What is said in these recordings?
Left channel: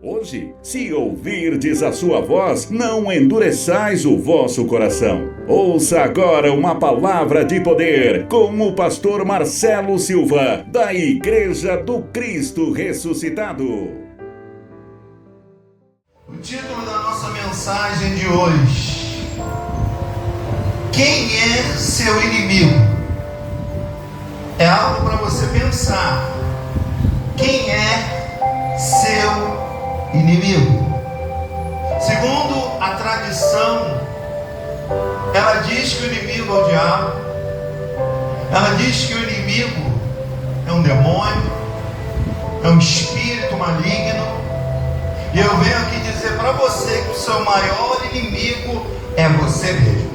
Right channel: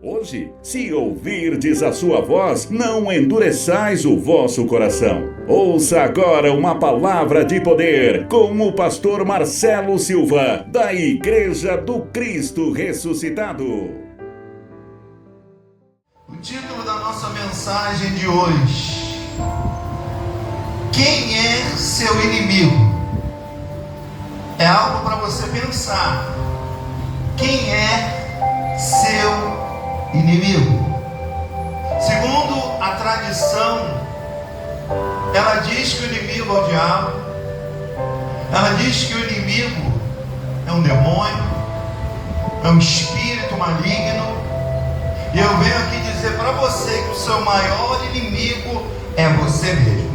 Hoje, se ouvirdes a sua voz, não endureçais o vosso coração. Ouça agora uma palavra de poder com o pastor Marcelo Silva, da Igreja do Cristo Ressuscitado. O título da nossa mensagem de hoje: quem é seu inimigo? É algo para você pensar. Quem é seu inimigo? Segundo a tradição, ela diz que o inimigo é o diabo. Ela diz que o inimigo é um demônio, é um espírito maligno. E eu venho aqui dizer para você que o seu maior inimigo é você mesmo.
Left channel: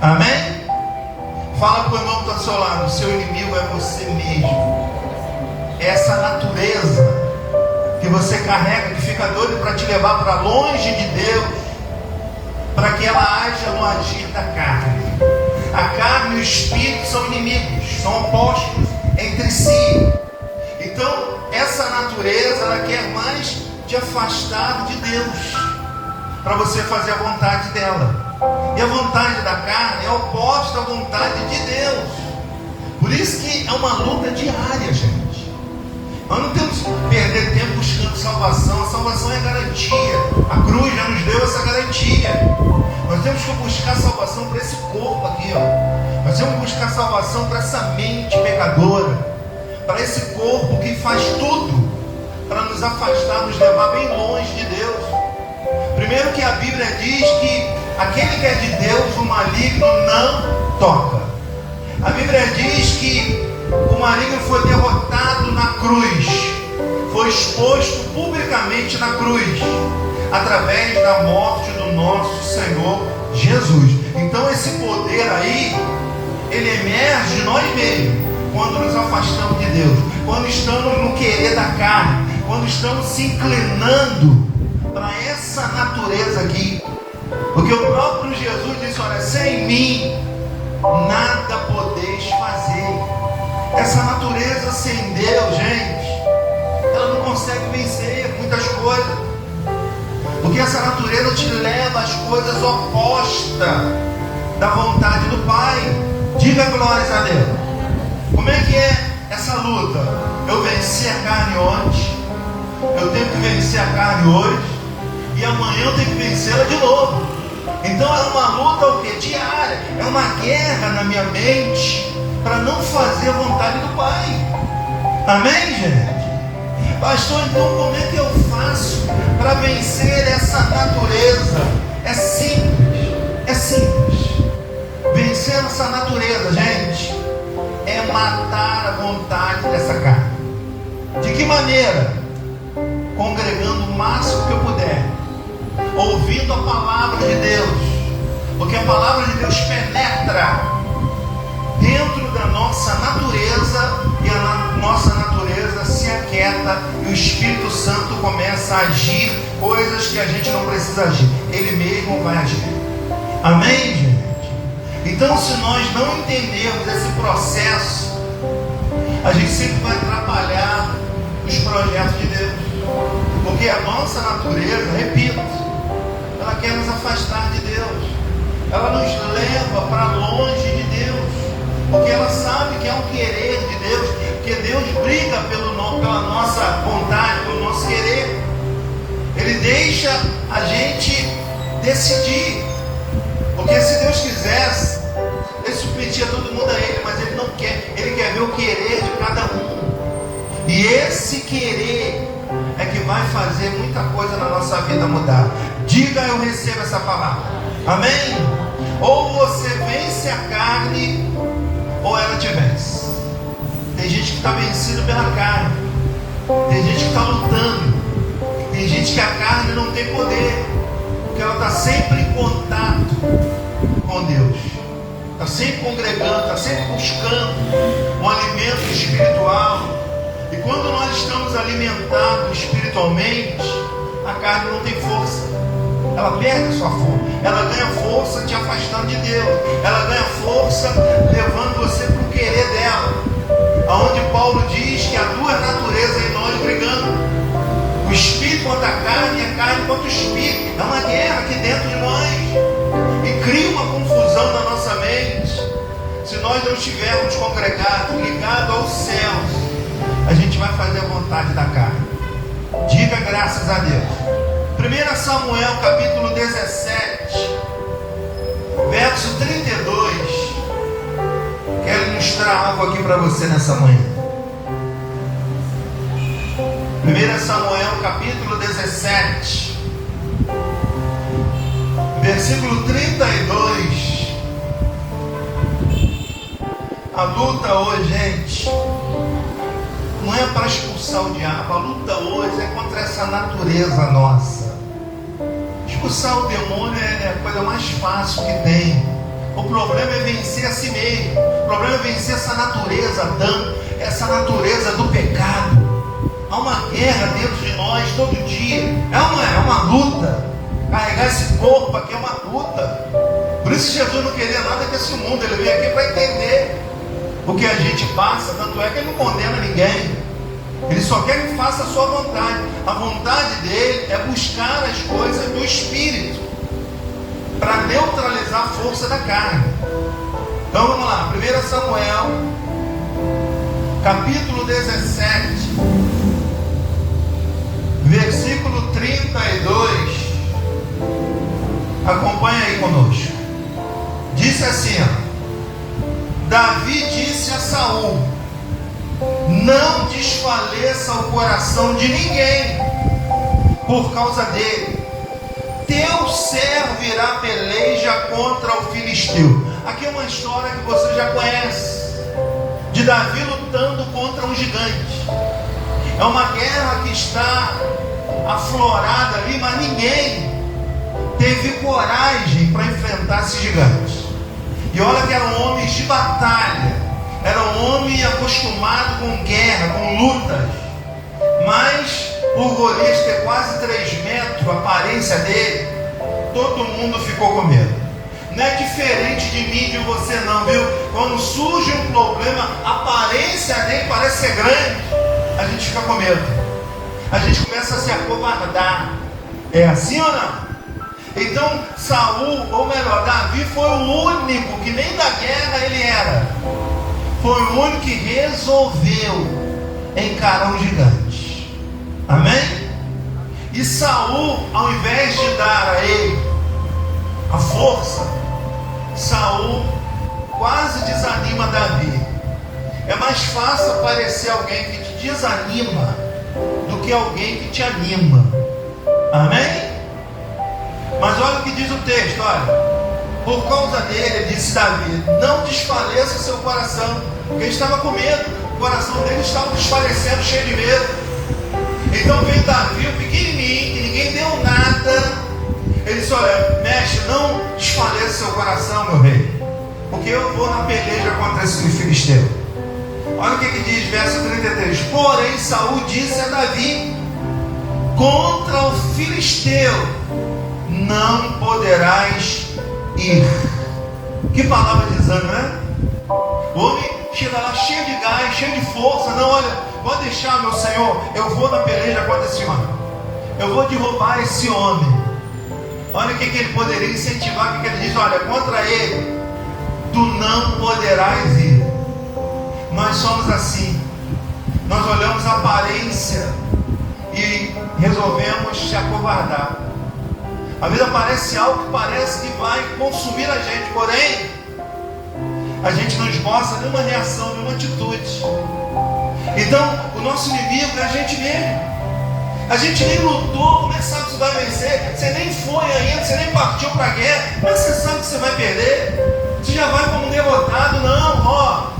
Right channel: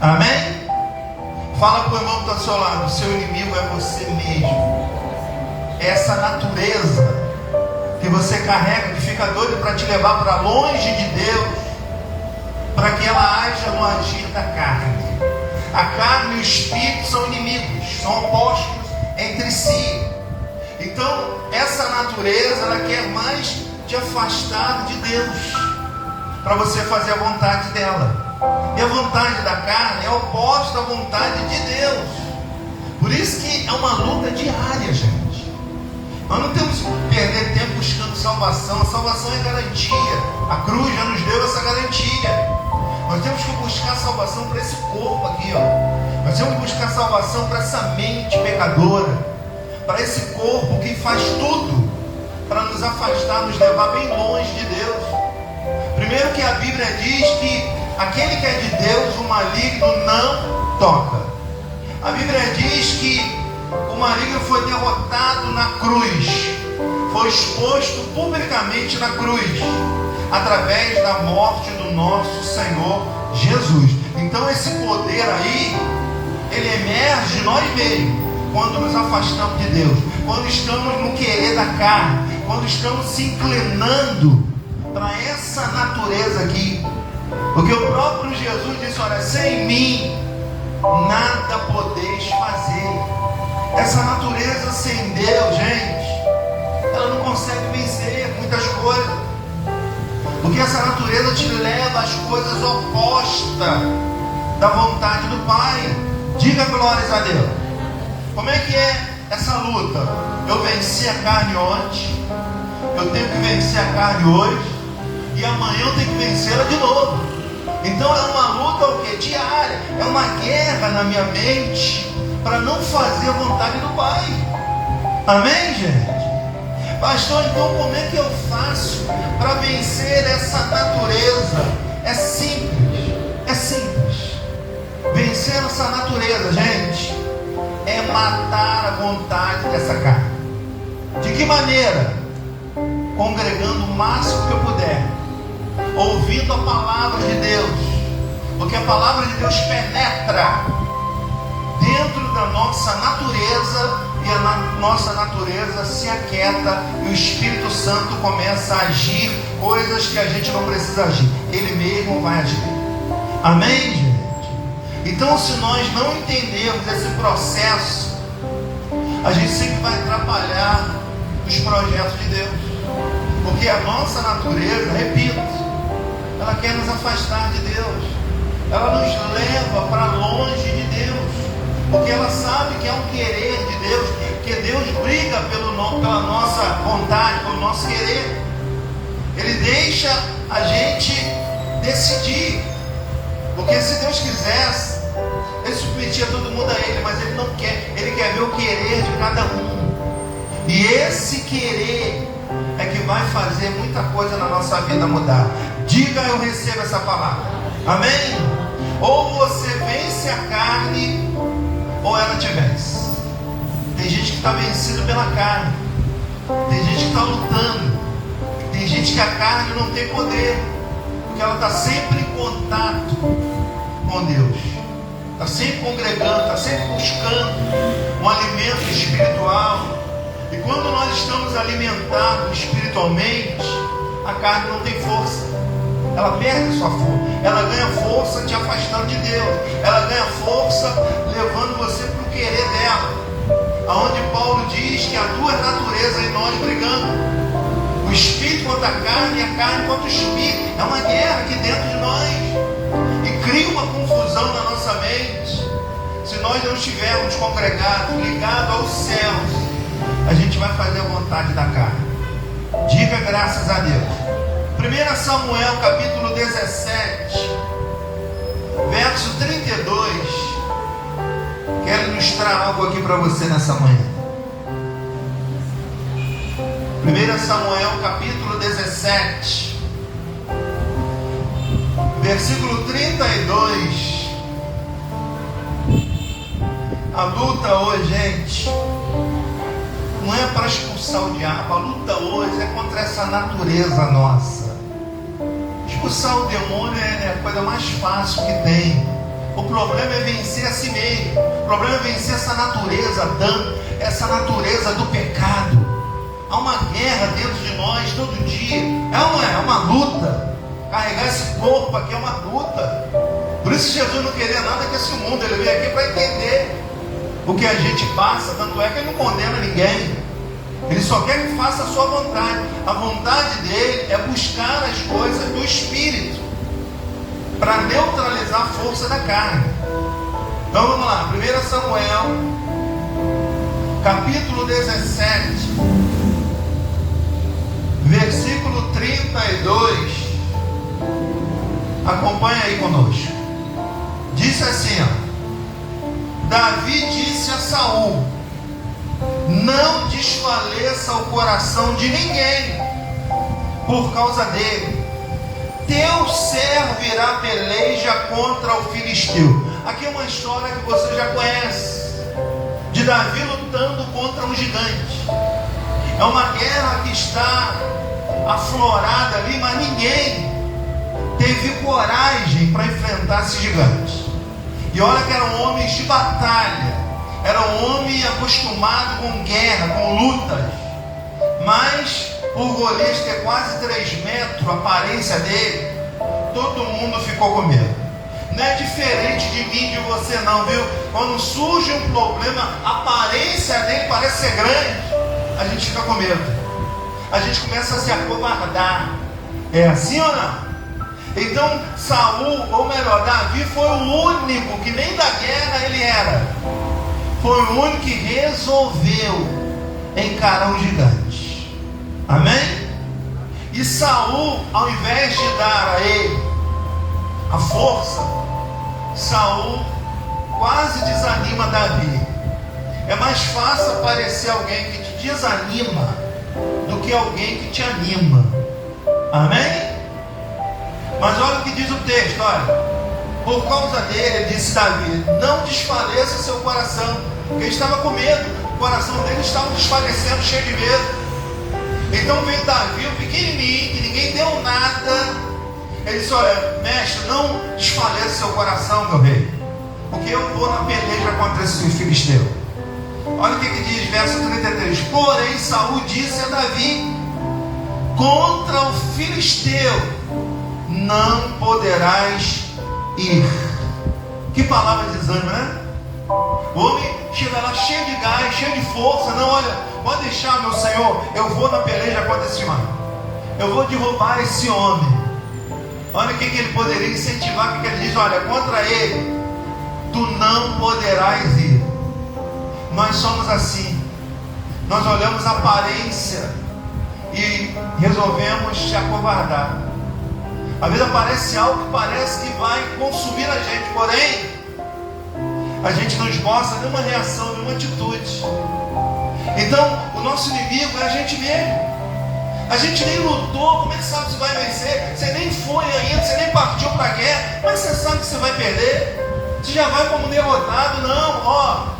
Amém? Fala para o irmão que está ao seu lado: o seu inimigo é você mesmo. Essa natureza que você carrega, que fica doido para te levar para longe de Deus, para que ela haja no agir da carne. A carne e o espírito são inimigos, são opostos entre si. Então, essa natureza, ela quer mais te afastar de Deus, para você fazer a vontade dela. E a vontade da carne é oposta à vontade de Deus. Por isso que é uma luta diária, gente. Nós não temos que perder tempo buscando salvação. A salvação é garantia. A cruz já nos deu essa garantia. Nós temos que buscar salvação para esse corpo aqui, ó. Nós temos que buscar salvação para essa mente pecadora, para esse corpo que faz tudo para nos afastar, nos levar bem longe de Deus. Primeiro que a Bíblia diz que aquele que é de Deus, o maligno não toca. A Bíblia diz que o maligno foi derrotado na cruz, foi exposto publicamente na cruz, através da morte do nosso Senhor Jesus. Então esse poder aí, ele emerge de nós mesmos, quando nos afastamos de Deus, quando estamos no querer da carne, quando estamos se inclinando para essa natureza aqui. Porque o próprio Jesus disse: olha, sem mim nada podeis fazer. Essa natureza sem Deus, gente, ela não consegue vencer muitas coisas, porque essa natureza te leva às coisas opostas da vontade do Pai. Diga glórias a Deus. Como é que é essa luta? Eu venci a carne ontem, eu tenho que vencer a carne hoje, e amanhã eu tenho que vencê-la de novo. Então é uma luta o quê? Diária. É uma guerra na minha mente para não fazer a vontade do Pai. Amém, gente? Pastor, então como é que eu faço para vencer essa natureza? É simples. É simples. Vencer essa natureza, gente, é matar a vontade dessa carne. De que maneira? Congregando o máximo que eu puder, ouvindo a palavra de Deus, porque a palavra de Deus penetra dentro da nossa natureza, e a nossa natureza se aquieta, e o Espírito Santo começa a agir coisas que a gente não precisa agir, ele mesmo vai agir. Amém, gente? Então, se nós não entendermos esse processo, a gente sempre vai atrapalhar os projetos de Deus, porque a nossa natureza, repito, ela quer nos afastar de Deus, ela nos leva para longe de Deus, porque ela sabe que é um querer de Deus, que Deus briga pela nossa vontade, pelo nosso querer. Ele deixa a gente decidir, porque se Deus quisesse, ele submetia todo mundo a Ele, mas Ele não quer. Ele quer ver o querer de cada um, e esse querer é que vai fazer muita coisa na nossa vida mudar. Diga: eu recebo essa palavra. Amém? Ou você vence a carne, ou ela te vence. Tem gente que está vencida pela carne, tem gente que está lutando, tem gente que a carne não tem poder, porque ela está sempre em contato com Deus, está sempre congregando, está sempre buscando um alimento espiritual. E quando nós estamos alimentados espiritualmente, a carne não tem força, ela perde sua força, ela ganha força te afastando de Deus, ela ganha força levando você para o querer dela, aonde Paulo diz que há duas naturezas em nós brigando: o espírito espírito contra a carne contra o espírito. É uma guerra aqui dentro de nós. E cria uma confusão na nossa mente. Se nós não estivermos congregados, ligados aos céus, a gente vai fazer a vontade da carne. Diga graças a Deus. 1 Samuel capítulo 17, verso 32. Quero ilustrar algo aqui para você nessa manhã. 1 Samuel capítulo 17, versículo 32. A luta hoje, gente, não é para expulsar o diabo. A luta hoje é contra essa natureza nossa. Expulsar o demônio é a coisa mais fácil que tem. O problema é vencer a si mesmo. O problema é vencer essa natureza, essa natureza do pecado. Há uma guerra dentro de nós todo dia. É uma luta. Carregar esse corpo aqui é uma luta. Por isso Jesus não queria nada desse mundo. Ele veio aqui para entender o que a gente passa. Tanto é que ele não condena ninguém. Ele só quer que faça a sua vontade. A vontade dele é buscar as coisas do Espírito para neutralizar a força da carne. Então vamos lá, 1 Samuel capítulo 17, versículo 32. Acompanha aí conosco. Disse assim, Davi disse a Saul: não desfaleça o coração de ninguém por causa dele. Teu servo irá peleja contra o filisteu. Aqui é uma história que você já conhece, de Davi lutando contra um gigante. É uma guerra que está aflorada ali, mas ninguém teve coragem para enfrentar esse gigante. E olha que eram homens de batalha, era um homem acostumado com guerra, com lutas. Mas o Golias, que é quase 3 metros, a aparência dele, todo mundo ficou com medo. Não é diferente de mim e de você não, viu? Quando surge um problema, a aparência dele parece ser grande, a gente fica com medo. A gente começa a se acovardar. É assim ou não? Então Saul, ou melhor, Davi foi o único que nem da guerra ele era. Foi o único que resolveu encarar o gigante. Amém? E Saul, ao invés de dar a ele a força, Saul quase desanima Davi. É mais fácil aparecer alguém que te desanima do que alguém que te anima. Amém? Mas olha o que diz o texto, olha. Por causa dele, disse Davi, não desfaleça seu coração, porque ele estava com medo. O coração dele estava desfalecendo, cheio de medo. Então veio Davi, o pequenininho, que ninguém deu nada. Ele disse, olha, mestre, não desfaleça seu coração, meu rei, porque eu vou na peleja contra esse filisteu. Olha o que diz, verso 33. Porém Saul disse a Davi: contra o filisteu não poderás ir. Que palavra de desânimo, né? O homem chega lá cheio de gás, cheio de força. Não, olha, pode deixar, meu senhor, eu vou na peleja contra esse homem, eu vou derrubar esse homem. Olha o que ele poderia incentivar, porque ele diz, olha, contra ele tu não poderás ir. Nós somos assim, nós olhamos a aparência e resolvemos se acovardar. A vida parece algo que parece que vai consumir a gente, porém a gente não esboça nenhuma reação, nenhuma atitude. Então o nosso inimigo é a gente mesmo. A gente nem lutou, como é que sabe que você vai vencer? Você nem foi ainda, você nem partiu para a guerra, mas você sabe que você vai perder. Você já vai como derrotado. Não, ó,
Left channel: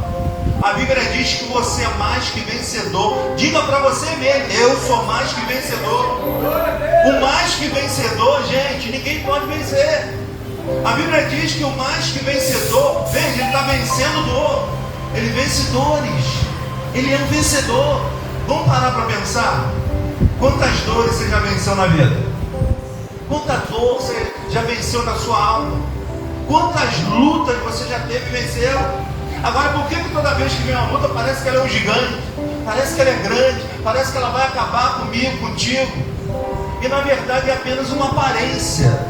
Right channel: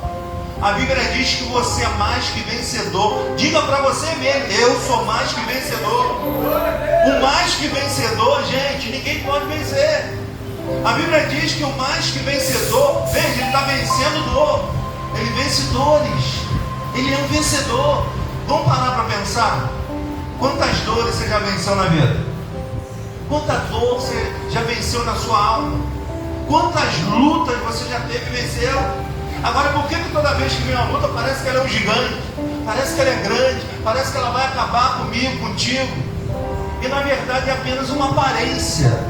a Bíblia diz que você é mais que vencedor. Diga para você mesmo, eu sou mais que vencedor. O mais que vencedor, gente, ninguém pode vencer. A Bíblia diz que o mais que vencedor, veja, ele está vencendo ele vence dores. Ele é um vencedor. Vamos parar para pensar? Quantas dores você já venceu na vida? Quanta dor você já venceu na sua alma? Quantas lutas você já teve que vencer? Agora, por que toda vez que vem uma luta parece que ela é um gigante? Parece que ela é grande? Parece que ela vai acabar comigo, contigo? E na verdade é apenas uma aparência.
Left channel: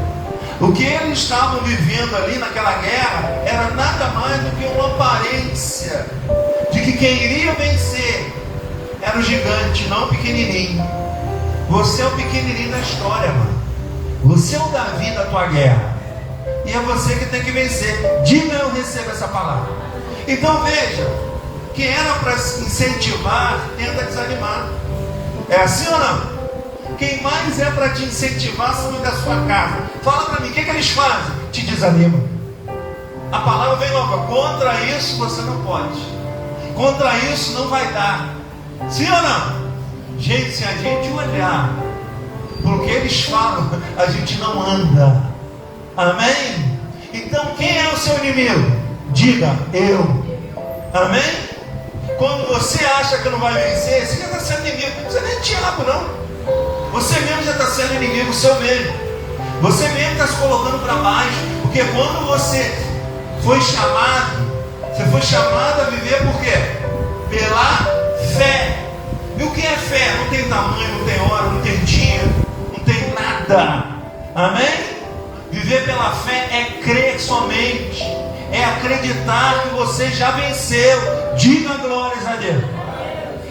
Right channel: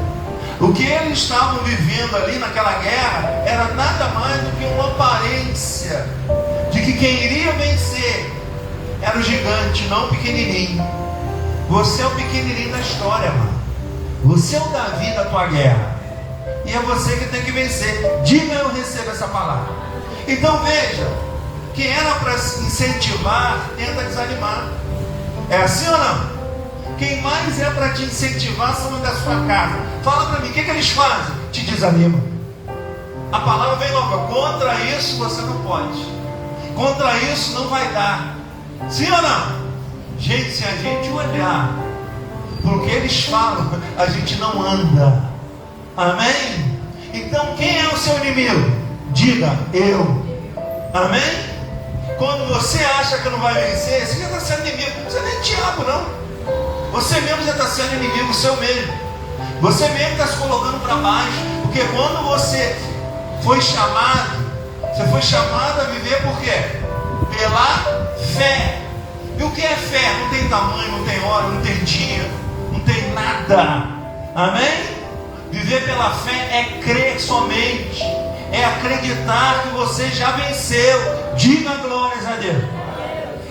O que eles estavam vivendo ali naquela guerra era nada mais do que uma aparência de que quem iria vencer era o gigante, não o pequenininho. Você é o pequenininho da história, mano. Você é o Davi da tua guerra. E é você que tem que vencer. Diga: eu recebo essa palavra. Então veja, que era para incentivar, tenta desanimar. É assim ou não? Quem mais é para te incentivar são da sua casa. Fala para mim, o que eles fazem? Te desanimam. A palavra vem logo: contra isso você não pode. Contra isso não vai dar. Sim ou não? Gente, se a gente olhar porque eles falam, a gente não anda. Amém? Então quem é o seu inimigo? Diga: eu. Amém? Quando você acha que não vai vencer, você já está sendo inimigo. Você nem é diabo, não. Você mesmo já está sendo inimigo seu mesmo. Você mesmo está se colocando para baixo. Porque quando você foi chamado a viver por quê? Pela fé. E o que é fé? Não tem tamanho, não tem hora, não tem dia, não tem nada. Amém? Viver pela fé é crer somente, é acreditar que você já venceu. Diga glórias a Deus.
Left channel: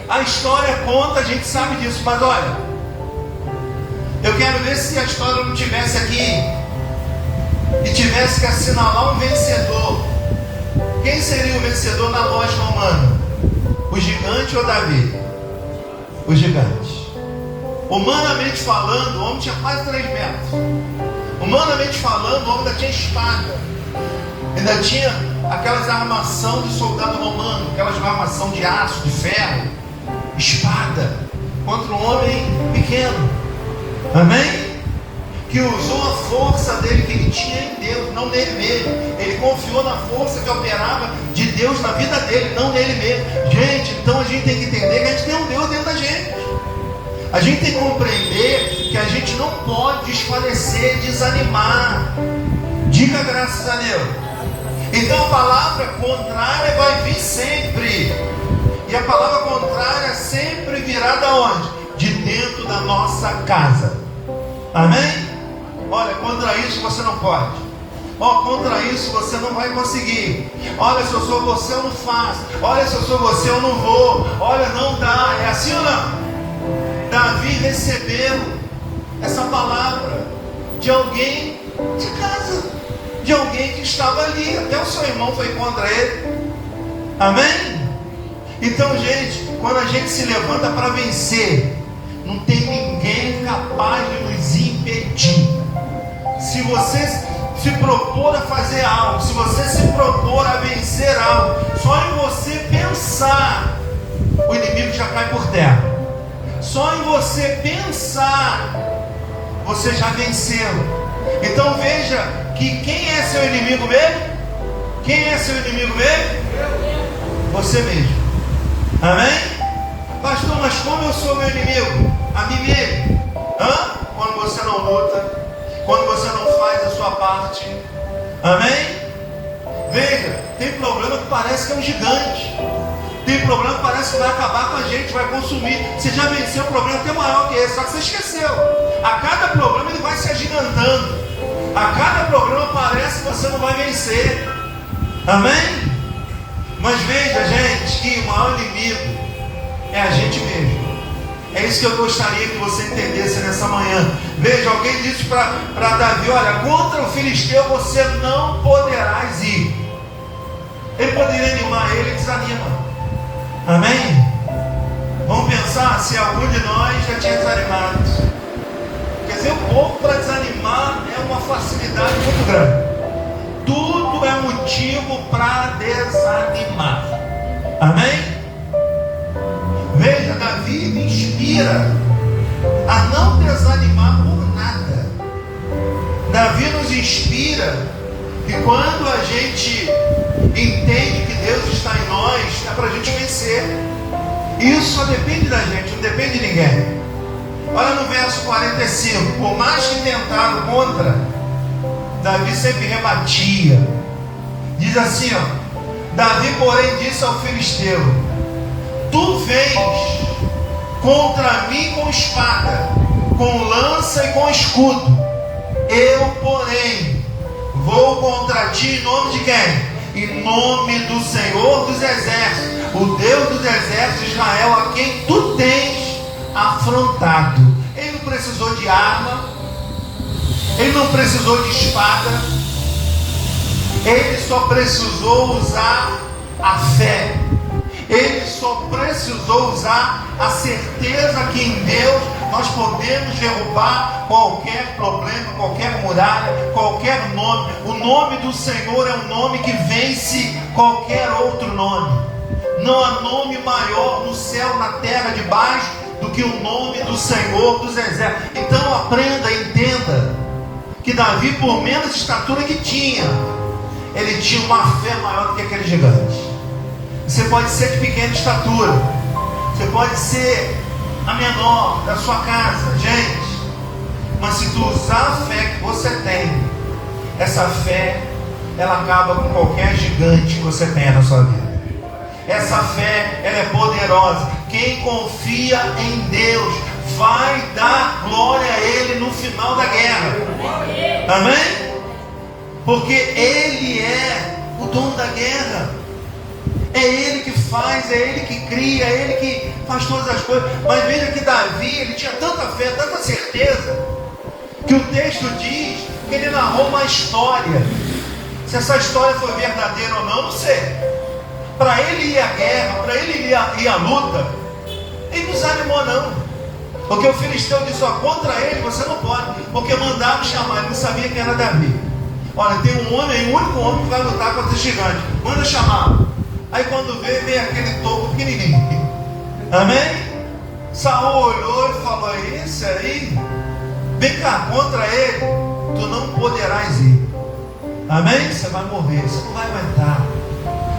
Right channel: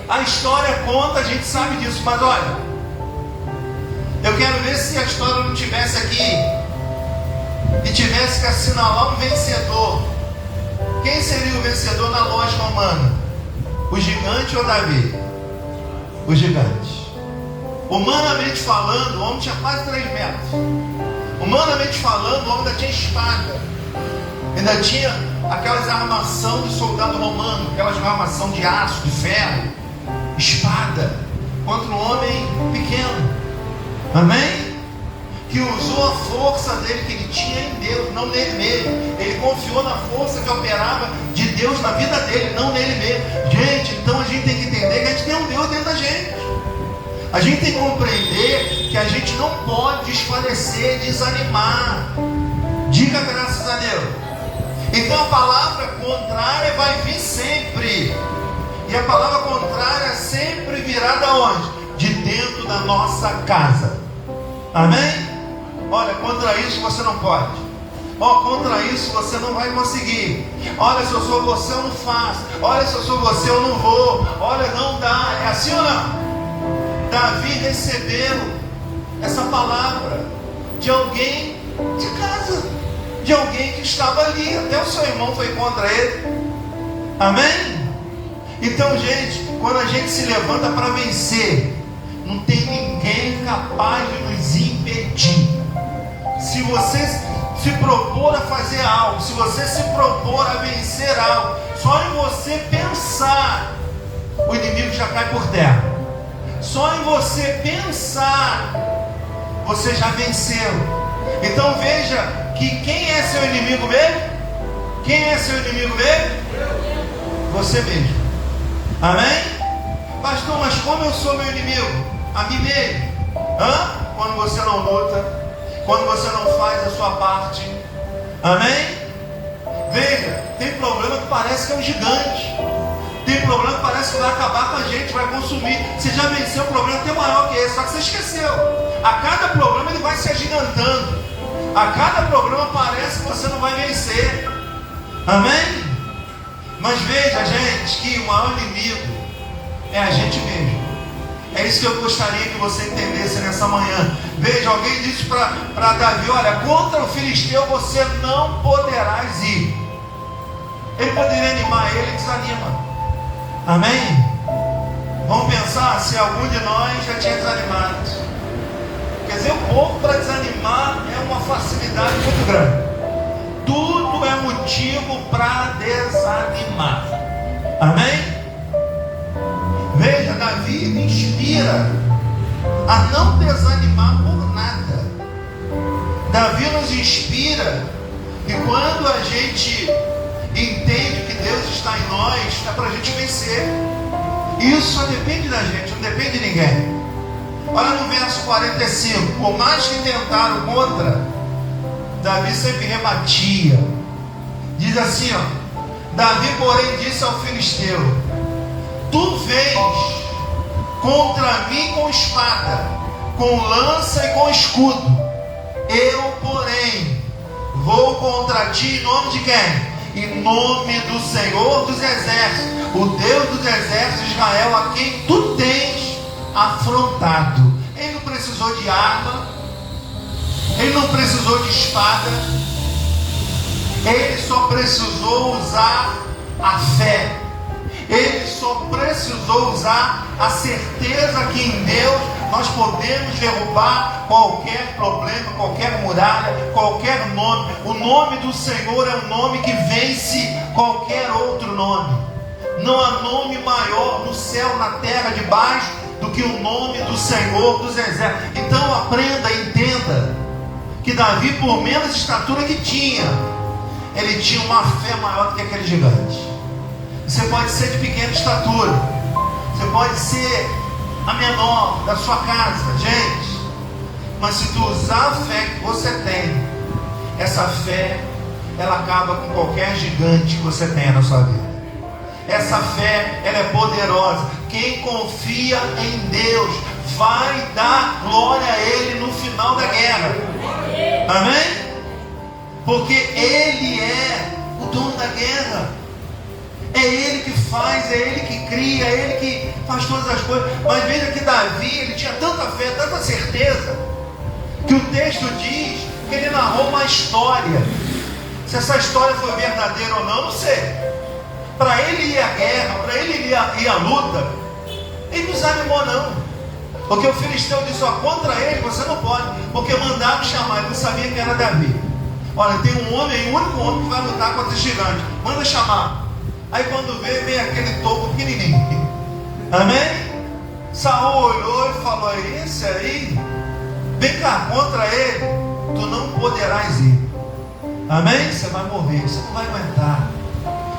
A história conta, a gente sabe disso, mas olha, eu quero ver se a história não tivesse aqui e tivesse que assinalar um vencedor. Quem seria o vencedor na lógica humana? O gigante ou Davi? O gigante. Humanamente falando, o homem tinha quase 3 metros. Humanamente falando, o homem ainda tinha espada, ainda tinha aquelas armação de soldado romano, aquelas armação de aço, de ferro, espada, contra um homem pequeno. Amém? Que usou a força dele que ele tinha em Deus, não nele mesmo. Ele confiou na força que operava de Deus na vida dele, não nele mesmo. Gente, então a gente tem que entender que a gente tem um Deus dentro da gente. A gente tem que compreender que a gente não pode desfalecer, desanimar. Diga graças a Deus. Então a palavra contrária vai vir sempre. E a palavra contrária sempre virá de onde? De dentro da nossa casa. Amém? Olha, contra isso você não pode. Contra isso você não vai conseguir. Olha, se eu sou você, eu não faço. Olha, se eu sou você, eu não vou. Olha, não dá. É assim ou não? Davi recebeu essa palavra de alguém de casa, de alguém que estava ali. Até o seu irmão foi contra ele. Amém? Então, gente, quando a gente se levanta para vencer, não tem ninguém capaz de nos impedir. Se você se propor a fazer algo, se você se propor a vencer algo, só em você pensar, o inimigo já cai por terra. Só em você pensar, você já venceu. Então veja que quem é seu inimigo mesmo? Quem é seu inimigo mesmo? Você mesmo. Amém? Pastor, mas como eu sou meu inimigo? A mim mesmo. Quando você não luta, quando você não faz a sua parte. Amém? Veja, tem problema que parece que é um gigante. Tem problema que parece que vai acabar com a gente, vai consumir. Você já venceu um problema até maior que esse, só que você esqueceu. A cada problema ele vai se agigantando. A cada problema parece que você não vai vencer. Amém? Mas veja, gente, que o maior inimigo é a gente mesmo. É isso que eu gostaria que você entendesse nessa manhã. Veja, alguém disse para Davi: olha, contra o filisteu você não poderás ir. Ele poderia animar, ele desanima. Amém? Vamos pensar se algum de nós já tinha desanimado. Quer dizer, um pouco para desanimar é uma facilidade muito grande. Tudo é motivo para desanimar. Amém? Veja, Davi me inspira a não desanimar por nada. Davi nos inspira que quando a gente entende que Deus está em nós, é para a gente vencer. Isso só depende da gente, não depende de ninguém. Olha no verso 45: por mais que tentado contra, Davi sempre rebatia. Diz assim, Davi porém disse ao filisteu: tu vens contra mim com espada, com lança e com escudo. Eu, porém, vou contra ti em nome de quem? Em nome do Senhor dos Exércitos, o Deus dos Exércitos de Israel, a quem tu tens afrontado. Ele não precisou de arma, ele não precisou de espada, ele só precisou usar a fé. Ele só precisou usar a certeza que em Deus nós podemos derrubar qualquer problema, qualquer muralha, qualquer nome. O nome do Senhor é um nome que vence qualquer outro nome. Não há nome maior no céu, na terra, debaixo, do que o nome do Senhor dos Exércitos. Então aprenda, entenda, que Davi, por menos estatura que tinha, ele tinha uma fé maior do que aquele gigante. Você pode ser de pequena estatura, você pode ser a menor da sua casa, gente, mas se tu usar a fé que você tem, essa fé, ela acaba com qualquer gigante que você tenha na sua vida. Essa fé, ela é poderosa. Quem confia em Deus vai dar glória a Ele no final da guerra. Amém? Porque Ele é o dono da guerra. É Ele que faz, é Ele que cria, é Ele que faz todas as coisas. Mas veja que Davi, ele tinha tanta fé, tanta certeza, que o texto diz que ele narrou uma história. Se essa história foi verdadeira ou não, não sei. Para ele ir à guerra, para ele ir à luta, ele não desanimou não. Porque o filisteu disse, ó, contra ele você não pode, porque mandaram chamar, ele não sabia que era Davi. Olha, tem um homem, o único homem que vai lutar contra esse gigante, manda chamar. Aí quando vem aquele topo pequenininho. Amém? Saul olhou e falou, isso aí, vem cá, contra ele, tu não poderás ir. Amém? Você vai morrer, você não vai aguentar.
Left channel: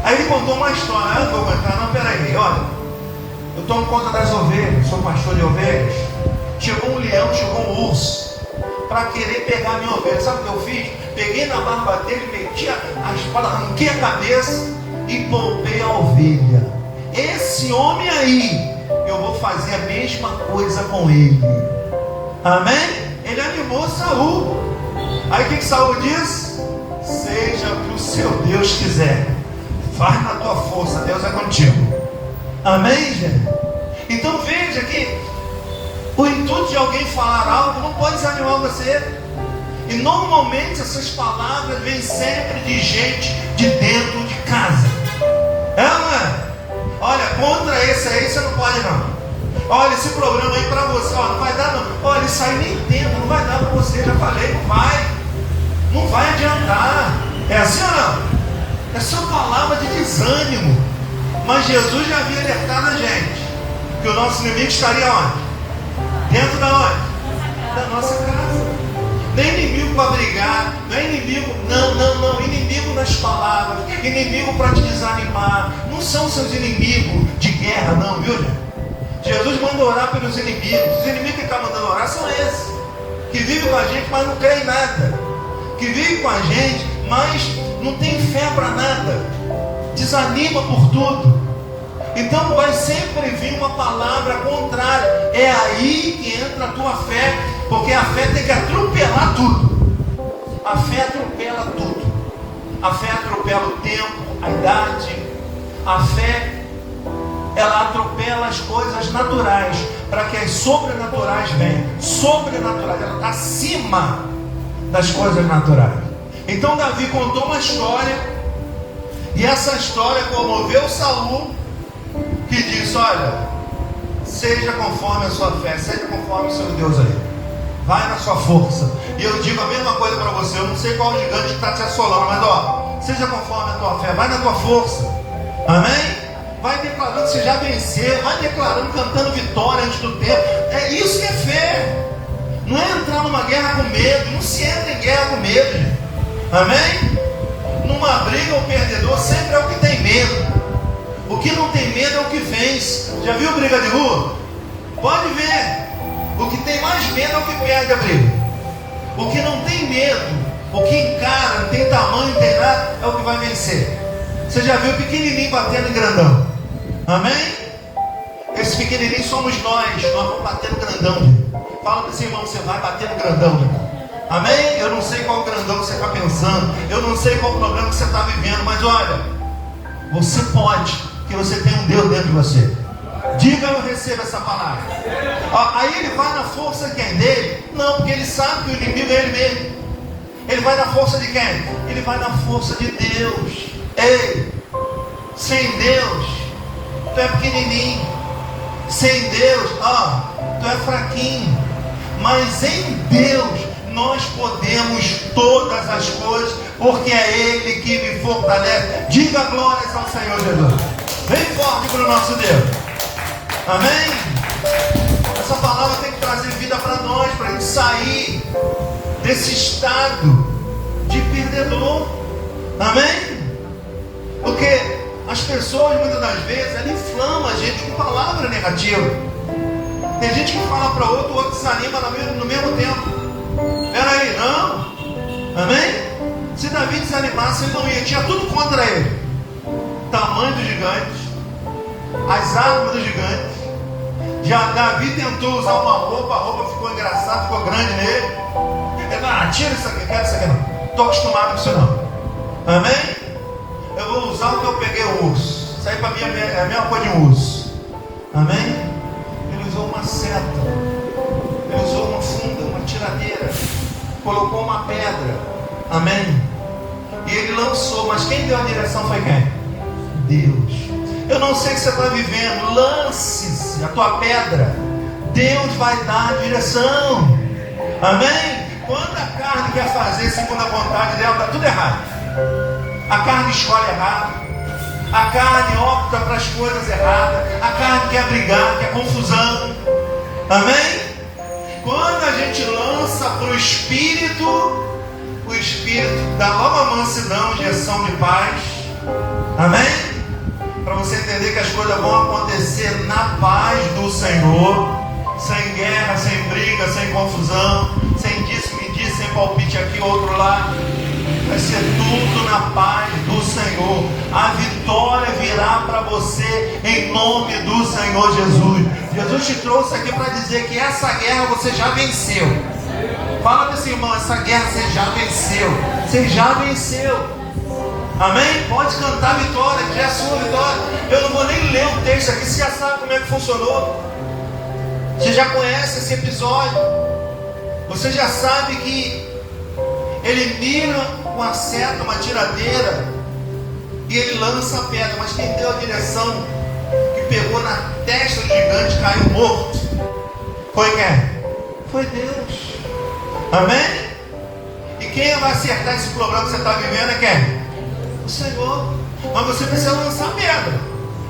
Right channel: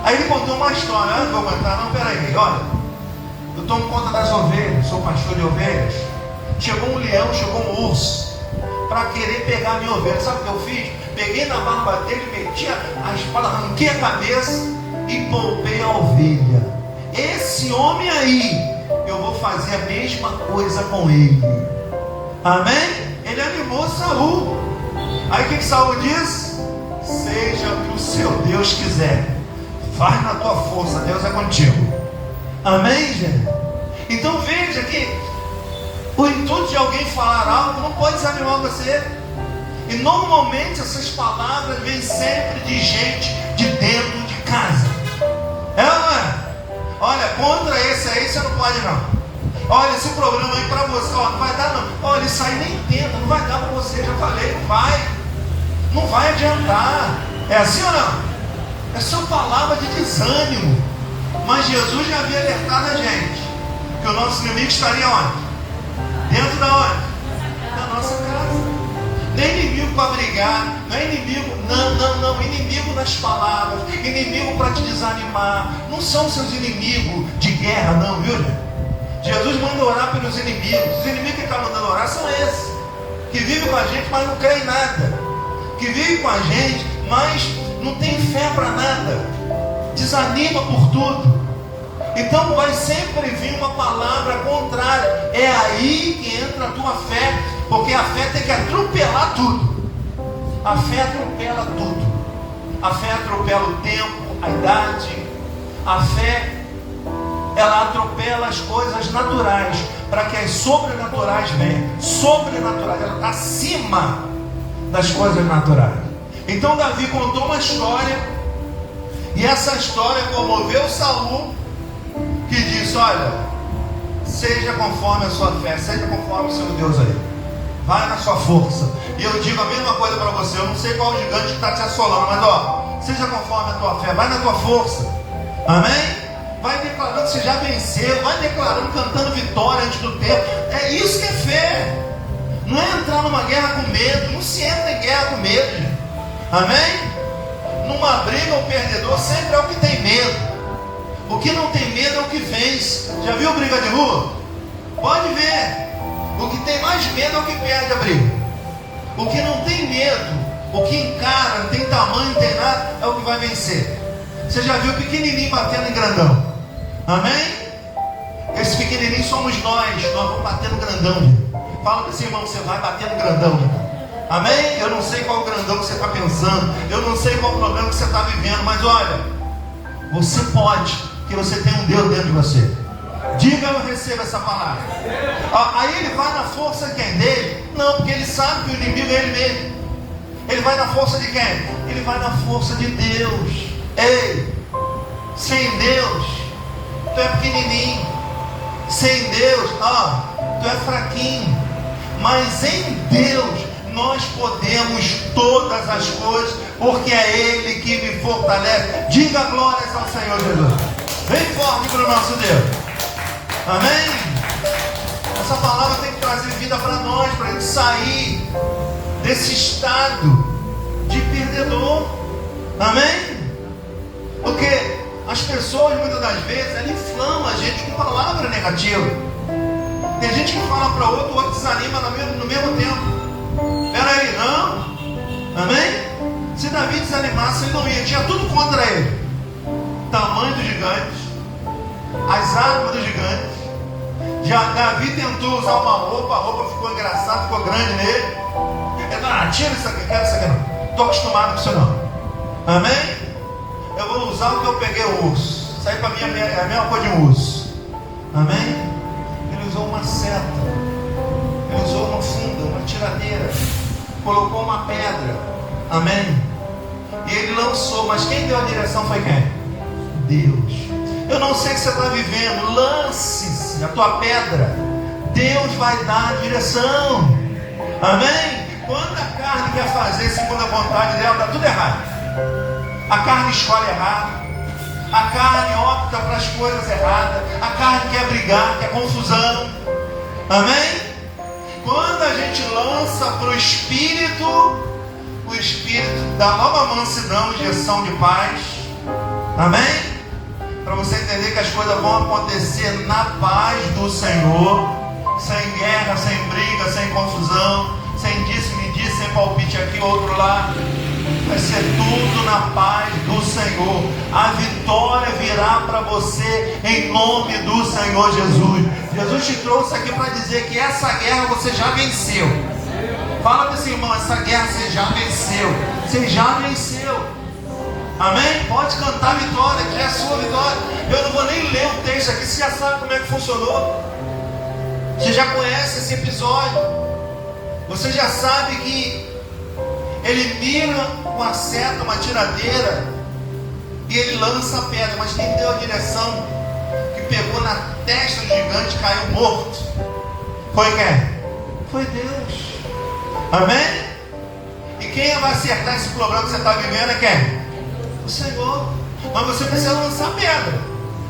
Aí ele contou uma história, não vou aguentar, não, peraí, olha, eu tomo conta das ovelhas, sou pastor de ovelhas. Chegou um leão, chegou um urso, para querer pegar a minha ovelha. Sabe o que eu fiz? Peguei na barba dele, meti a espada, arranquei a cabeça e poupei a ovelha. Esse homem aí, eu vou fazer a mesma coisa com ele. Amém? Ele animou Saul. Aí o que Saul disse? Seja o que o seu Deus quiser, faz na tua força, Deus é contigo. Amém, gente? Então veja que o intuito de alguém falar algo não pode desanimar você. E normalmente essas palavras vêm sempre de gente de dentro de casa. É, não é? Olha, contra esse aí você não pode não. Olha, esse programa aí para você, ó, não vai dar não. Olha, isso aí nem tempo, não vai dar para você, já falei, não vai. Não vai adiantar. É assim ou não? É só palavra de desânimo. Mas Jesus já havia alertado a gente que o nosso inimigo estaria onde? Dentro da onde? Da nossa casa. Não é inimigo para brigar, não é inimigo, não, inimigo nas palavras, inimigo para te desanimar. Não são seus inimigos de guerra, não, viu, gente? Jesus manda orar pelos inimigos. Os inimigos que estão mandando orar são esses, que vivem com a gente, mas não creem em nada, que vivem com a gente, mas não tem fé para nada, desanima por tudo. Então vai sempre vir uma palavra contrária. É aí que entra a tua fé, porque a fé tem que atropelar tudo. A fé atropela tudo. A fé atropela o tempo, a idade. A fé, ela atropela as coisas naturais, para que as sobrenaturais venham. Sobrenaturais, ela está acima das coisas naturais. Então Davi contou uma história, e essa história comoveu Saul, que disse, olha, seja conforme a sua fé, seja conforme o seu Deus aí, vai na sua força. E eu digo a mesma coisa para você, eu não sei qual gigante que está te assolando, mas ó, seja conforme a tua fé, vai na tua força. Amém? Vai declarando que você já venceu, vai declarando, cantando vitória antes do tempo. É isso que é fé. Não é entrar numa guerra com medo, não se entra em guerra com medo, gente. Amém? Numa briga, o perdedor sempre é o que tem medo. O que não tem medo é o que vence. Já viu briga de rua? Pode ver. O que tem mais medo é o que perde a briga. O que não tem medo, o que encara, não tem tamanho, não tem nada, é o que vai vencer. Você já viu pequenininho batendo em grandão? Amém? Esse pequenininho somos nós vamos bater no grandão. Fala para esse irmão, você vai bater no grandão, irmão. Amém? Eu não sei qual grandão que você está pensando, eu não sei qual problema que você está vivendo, mas olha, você pode, porque você tem um Deus dentro de você. Diga, eu recebo essa palavra. Aí ele vai na força de quem? Dele? Não, porque ele sabe que o inimigo é ele mesmo. Ele vai na força de quem? Ele vai na força de Deus. Ei, sem Deus, tu é pequenininho. Sem Deus, tu é fraquinho. Mas em Deus, nós podemos todas as coisas, porque é Ele que me fortalece. Diga glórias ao Senhor Jesus. Bem forte para o nosso Deus. Amém? Essa palavra tem que trazer vida para nós, para a gente sair desse estado de perdedor. Amém? Porque as pessoas, muitas das vezes, elas inflamam a gente com palavra negativa. Tem gente que fala para outro, o outro desanima no mesmo tempo. Peraí, não. Amém? Se Davi desanimasse, ele não ia. Tinha tudo contra ele. Tamanho dos gigantes, as armas dos gigantes. Davi tentou usar uma roupa, a roupa ficou engraçada, ficou grande nele. Ele tira isso aqui, quero isso aqui não. Estou acostumado com isso não. Amém? Eu vou usar o que eu peguei o urso. Isso aí para mim é a mesma coisa de um urso. Amém? Ele usou uma seta. Ele usou uma funda, uma tiradeira. Colocou uma pedra. Amém? E ele lançou, mas quem deu a direção foi quem? Deus. Eu não sei o que você está vivendo. Lance-se a tua pedra. Deus vai dar a direção. Amém? Quando a carne quer fazer segundo a vontade dela, está tudo errado. A carne escolhe errado. A carne opta para as coisas erradas. A carne quer brigar, quer confusão. Amém? Quando a gente lança para o Espírito dá nova mansidão, injeção de paz. Amém? Para você entender que as coisas vão acontecer na paz do Senhor, sem guerra, sem briga, sem confusão, sem disse que disse, sem palpite aqui, outro lá. Vai ser tudo na paz do Senhor. A vitória virá para você em nome do Senhor Jesus. Jesus te trouxe aqui para dizer que essa guerra você já venceu. Fala para esse irmão, essa guerra você já venceu. Você já venceu. Amém? Pode cantar vitória, que é a sua vitória. Eu não vou nem ler o texto aqui, você já sabe como é que funcionou. Você já conhece esse episódio. Você já sabe que ele mira uma seta, uma tiradeira, e ele lança a pedra. Mas quem deu a direção que pegou na testa do gigante e caiu morto foi quem? Foi Deus. Amém? E quem vai acertar esse problema que você está vivendo é quem? O Senhor. Mas você precisa lançar a pedra.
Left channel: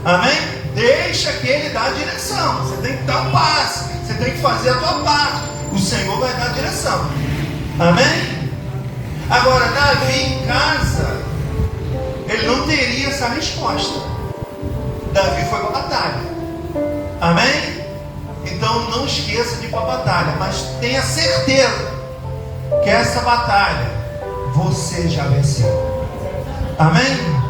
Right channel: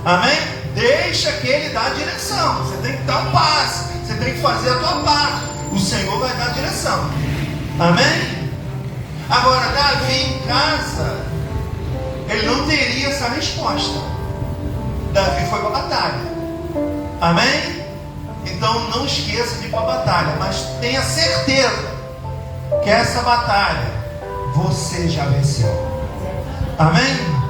Amém? Deixa que Ele dá a direção. Você tem que dar um passo. Você tem que fazer a tua parte. O Senhor vai dar a direção. Amém? Agora, Davi em casa, ele não teria essa resposta. Davi foi para a batalha. Amém? Então não esqueça de ir para a batalha, mas tenha certeza que essa batalha você já venceu. Amém?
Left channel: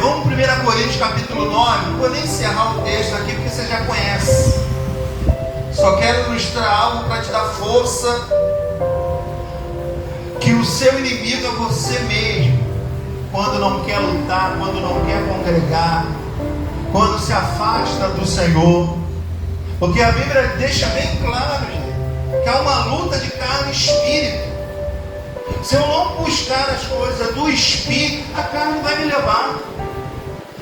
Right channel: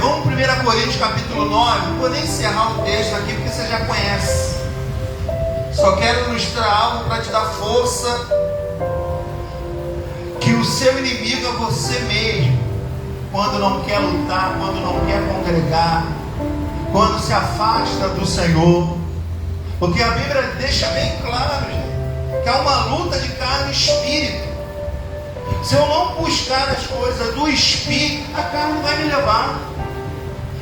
Vamos para 1 Coríntios capítulo 9. Vou nem encerrar o texto aqui porque você já conhece. Só quero ilustrar algo para te dar força. Que o seu inimigo é você mesmo. Quando não quer lutar, quando não quer congregar, quando se afasta do Senhor. Porque a Bíblia deixa bem claro, gente, que há uma luta de carne e espírito. Se eu não buscar as coisas do Espírito, a carne vai me levar.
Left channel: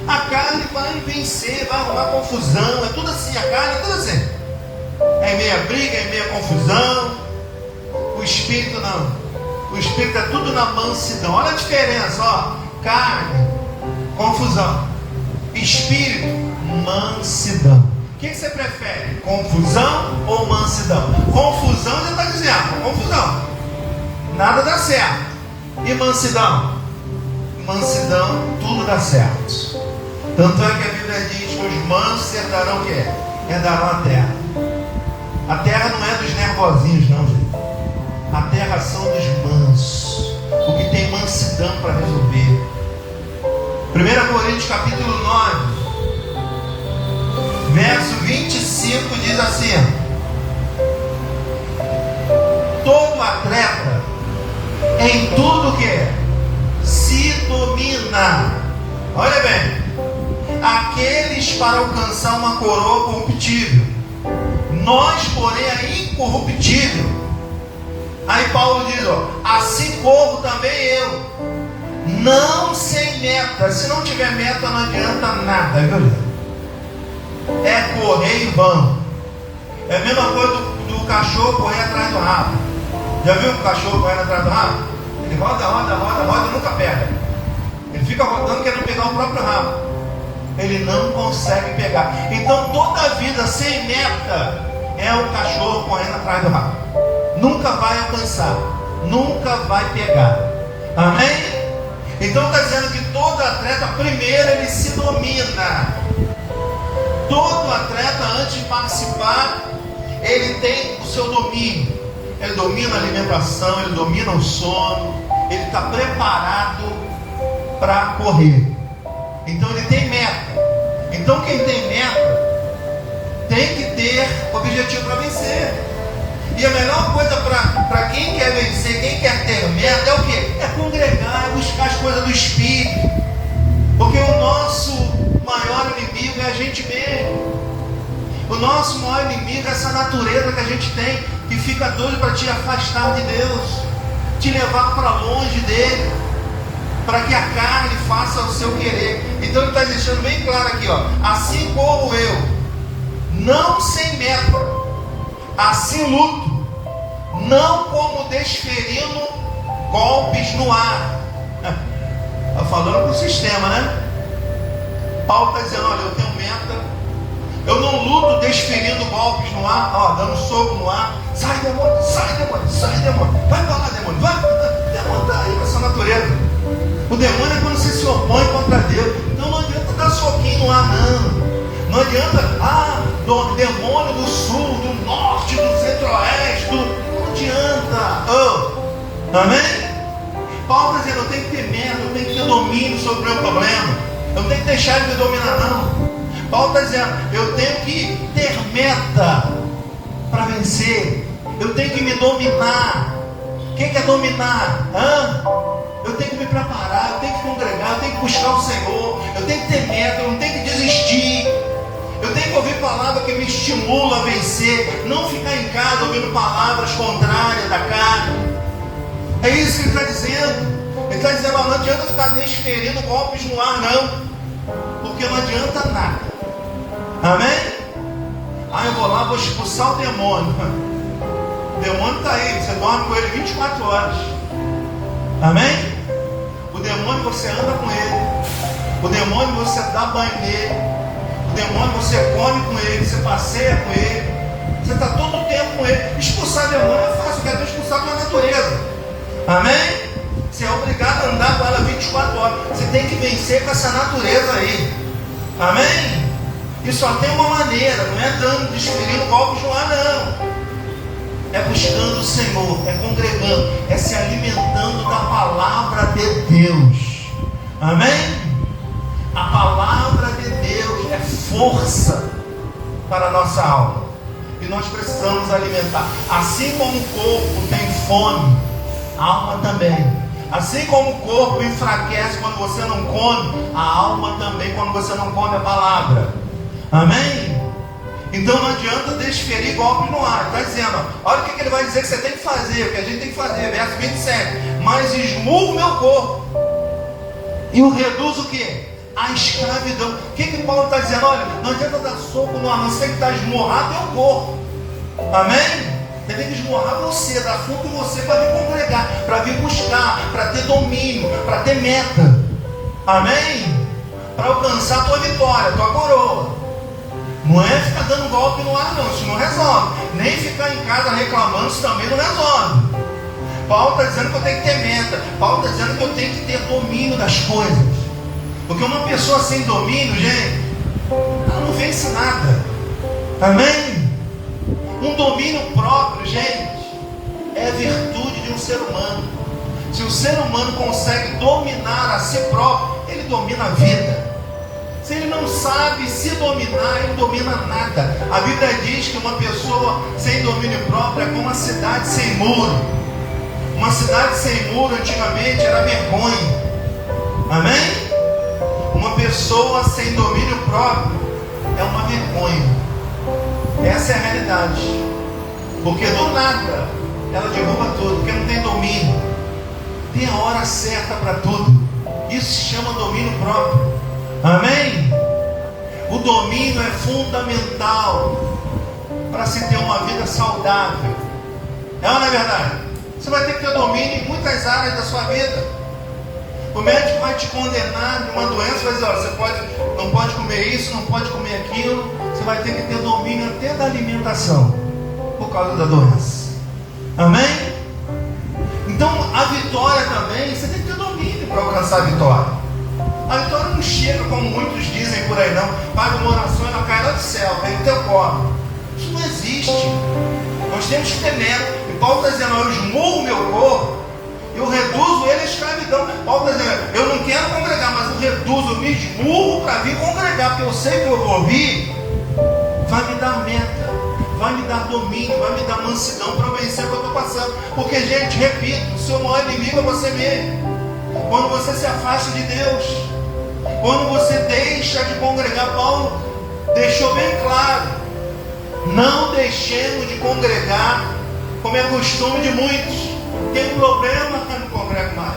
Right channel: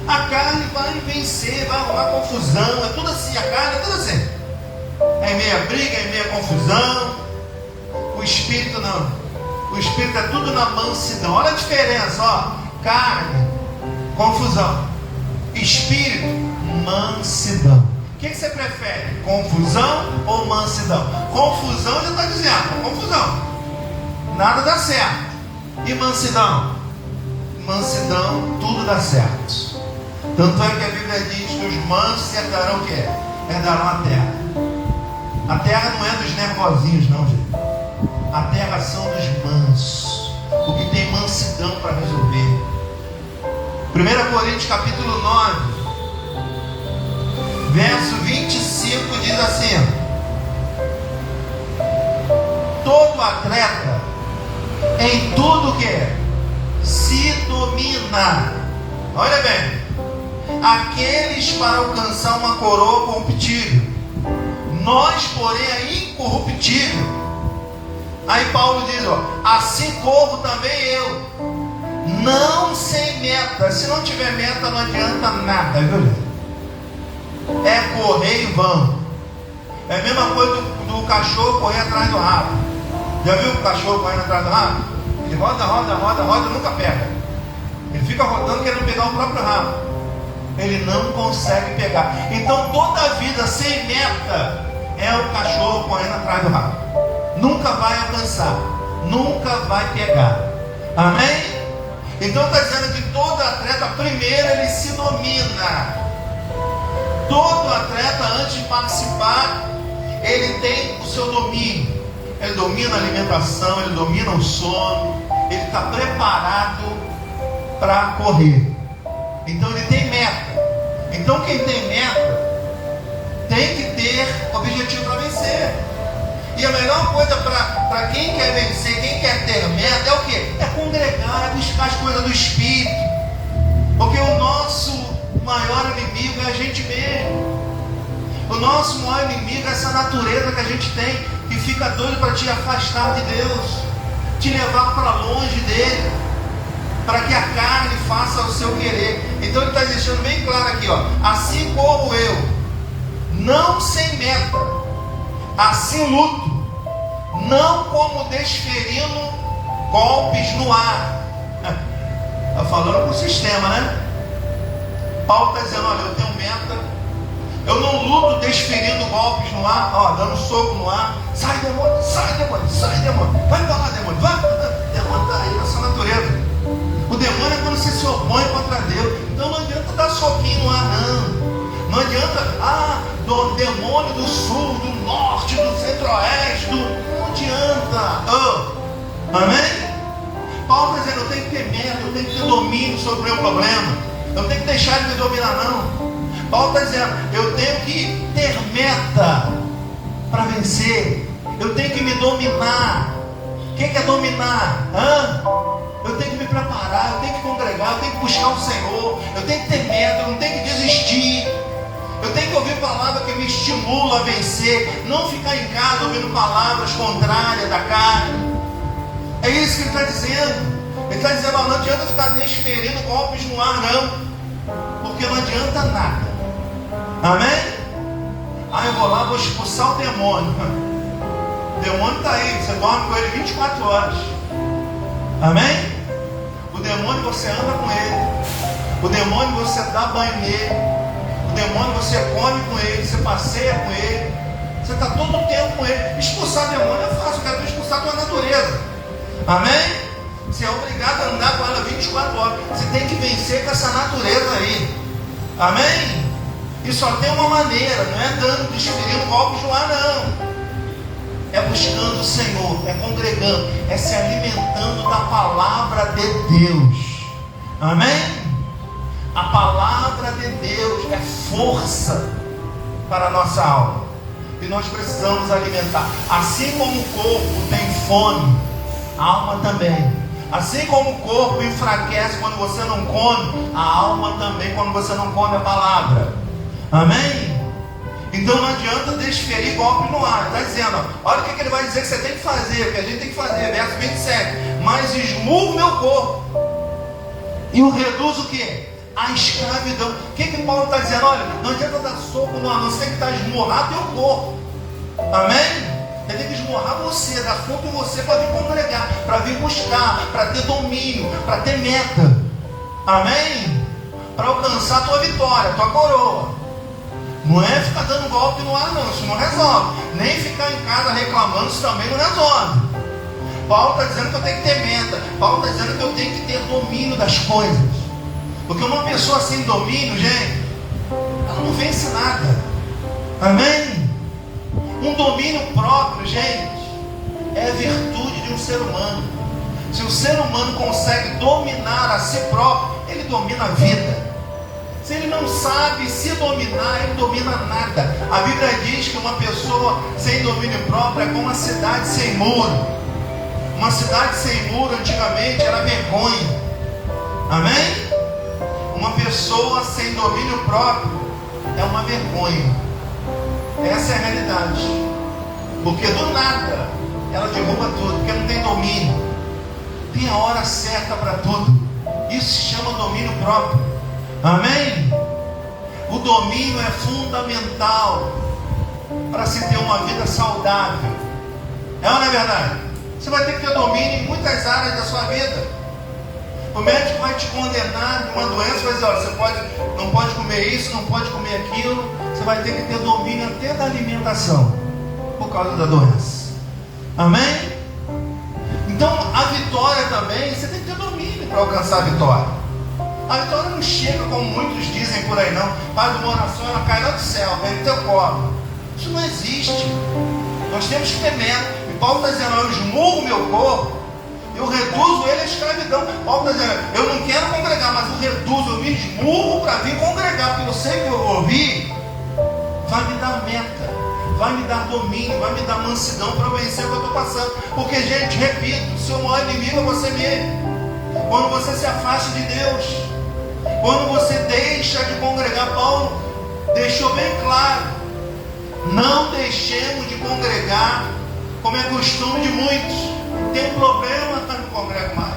A carne vai me vencer, vai arrumar confusão. É tudo assim, a carne é tudo assim. É meia briga, é meia confusão. O Espírito não. O Espírito é tudo na mansidão. Olha a diferença, ó. Carne, confusão. Espírito, mansidão. O que você prefere? Confusão ou mansidão? Confusão já está dizendo, confusão. Nada dá certo. E mansidão? Mansidão, tudo dá certo. Tanto é que a Bíblia diz que os mansos herdarão o quê? Herdarão a terra. A terra não é dos nervosinhos, não, gente. A terra são dos mansos. O que tem mansidão para resolver. 1 Coríntios capítulo 9, verso 25 diz assim: atleta, em tudo que se domina. Olha bem, aqueles para alcançar uma coroa corruptível, nós, porém, a incorruptível. Aí Paulo diz, ó, assim corro também eu, não sem meta. Se não tiver meta, não adianta nada, viu? É correr em vão. É a mesma coisa do cachorro correr atrás do rabo. Já viu o cachorro correndo atrás do rabo? Ele roda e nunca pega. Ele fica rodando querendo pegar o próprio rabo. Ele não consegue pegar. Então toda a vida sem meta é o cachorro correndo atrás do rabo. Nunca vai alcançar, nunca vai pegar. Amém? Então está dizendo que todo atleta, primeiro ele se domina. Todo atleta, antes de participar, ele tem o seu domínio. Ele domina a alimentação, ele domina o sono, ele está preparado para correr. Então ele tem meta. Então quem tem meta tem que ter objetivo para vencer. E a melhor coisa para quem quer vencer, quem quer ter meta, é o quê? É congregar, é buscar as coisas do Espírito. Porque o nosso maior inimigo é a gente mesmo. O nosso maior inimigo é essa natureza que a gente tem, que fica doido para te afastar de Deus, te levar para longe dele, para que a carne faça o seu querer. Então ele está deixando bem claro aqui, ó, assim como eu, não sem meta, assim luto, não como desferindo golpes no ar. Está falando para o sistema, né? Paulo está dizendo, olha, eu tenho meta, eu não luto desferindo golpes no ar, ó, dando soco no ar. Sai demônio, sai demônio, sai demônio, vai para lá demônio, vai, demônio está aí nessa natureza. O demônio é quando você se opõe contra Deus. Então não adianta dar soquinho no ar, não. Não adianta, do demônio do sul, do norte, do centro-oeste, não adianta. Amém? Paulo está dizendo, eu tenho que ter meta, eu tenho que ter domínio sobre o meu problema. Eu não tenho que deixar ele me dominar, não. Paulo está dizendo, eu tenho que ter meta para vencer. Eu tenho que me dominar. O que é dominar? Eu tenho que me preparar, eu tenho que congregar, eu tenho que buscar o Senhor, eu tenho que ter meta, eu não tenho que desistir. Eu tenho que ouvir palavra que me estimula a vencer, não ficar em casa ouvindo palavras contrárias da carne. É isso que ele está dizendo. Ele está dizendo, não adianta ficar desferindo golpes no ar, não, porque não adianta nada. Amém? Eu vou lá, vou expulsar o demônio. O demônio está aí, você dorme com ele 24 horas. Amém? O demônio você anda com ele. O demônio você dá banho nele. O demônio você come com ele, você passeia com ele. Você está todo o tempo com ele. Expulsar demônio é fácil, eu quero expulsar pela natureza. Amém? Você é obrigado a andar com ela 24 horas. Você tem que vencer com essa natureza aí. Amém? E só tem uma maneira, não é dando, desferindo golpes no ar, não. É buscando o Senhor, é congregando, é se alimentando da palavra de Deus. Amém? A palavra de Deus é força para a nossa alma. E nós precisamos alimentar. Assim como o corpo tem fome, a alma também. Assim como o corpo enfraquece quando você não come, a alma também quando você não come a palavra. Amém? Então não adianta desferir golpe no ar. Está dizendo, olha o que ele vai dizer que você tem que fazer, o que a gente tem que fazer, verso 27. Mas esmurro o meu corpo e o reduz o quê? A escravidão. O que Paulo está dizendo? Olha, não adianta dar soco no ar, não sei que está esmurrado teu corpo. Amém? Deve esmurrar você, dar fogo em você para vir congregar, para vir buscar, para ter domínio, para ter meta. Amém? Para alcançar a tua vitória, a tua coroa. Não é ficar dando golpe no ar, não. Isso não resolve. Nem ficar em casa reclamando, isso também não resolve. Paulo está dizendo que eu tenho que ter meta. Paulo está dizendo que eu tenho que ter domínio das coisas. Porque uma pessoa sem domínio, gente, ela não vence nada. Amém? Um domínio próprio, gente, é virtude de um ser humano. Se o ser humano consegue dominar a si próprio, ele domina a vida. Se ele não sabe se dominar, ele não domina nada. A Bíblia diz que uma pessoa sem domínio próprio é como uma cidade sem muro. Uma cidade sem muro antigamente era vergonha. Amém? Uma pessoa sem domínio próprio é uma vergonha. Essa é a realidade. Porque do nada ela derruba tudo, porque não tem domínio. Tem a hora certa para tudo. Isso se chama domínio próprio. Amém? O domínio é fundamental para se ter uma vida saudável. É ou não é verdade? Você vai ter que ter domínio em muitas áreas da sua vida. O médico vai te condenar de uma doença, vai dizer, você não pode comer isso, não pode comer aquilo. Você vai ter que ter domínio até da alimentação, por causa da doença. Amém? Então a vitória também, você tem que ter domínio para alcançar a vitória. A vitória não chega como muitos dizem por aí não. Faz uma oração, ela cai lá do céu, vem no teu colo. Isso não existe. Nós temos que ter medo. E Paulo está dizendo, eu esmurro o meu corpo, eu reduzo ele à escravidão. Paulo está dizendo, eu não quero congregar, mas eu reduzo, eu me esmurro para vir congregar, porque eu sei que eu vou ouvir, vai me dar meta, vai me dar domínio, vai me dar mansidão para vencer o que eu estou passando. Porque, gente, repito, o seu maior inimigo é você mesmo. Quando você se afasta de Deus, quando você deixa de congregar, Paulo deixou bem claro, não deixemos de congregar, como é costume de muitos. Tem problema, mas não congrega mais.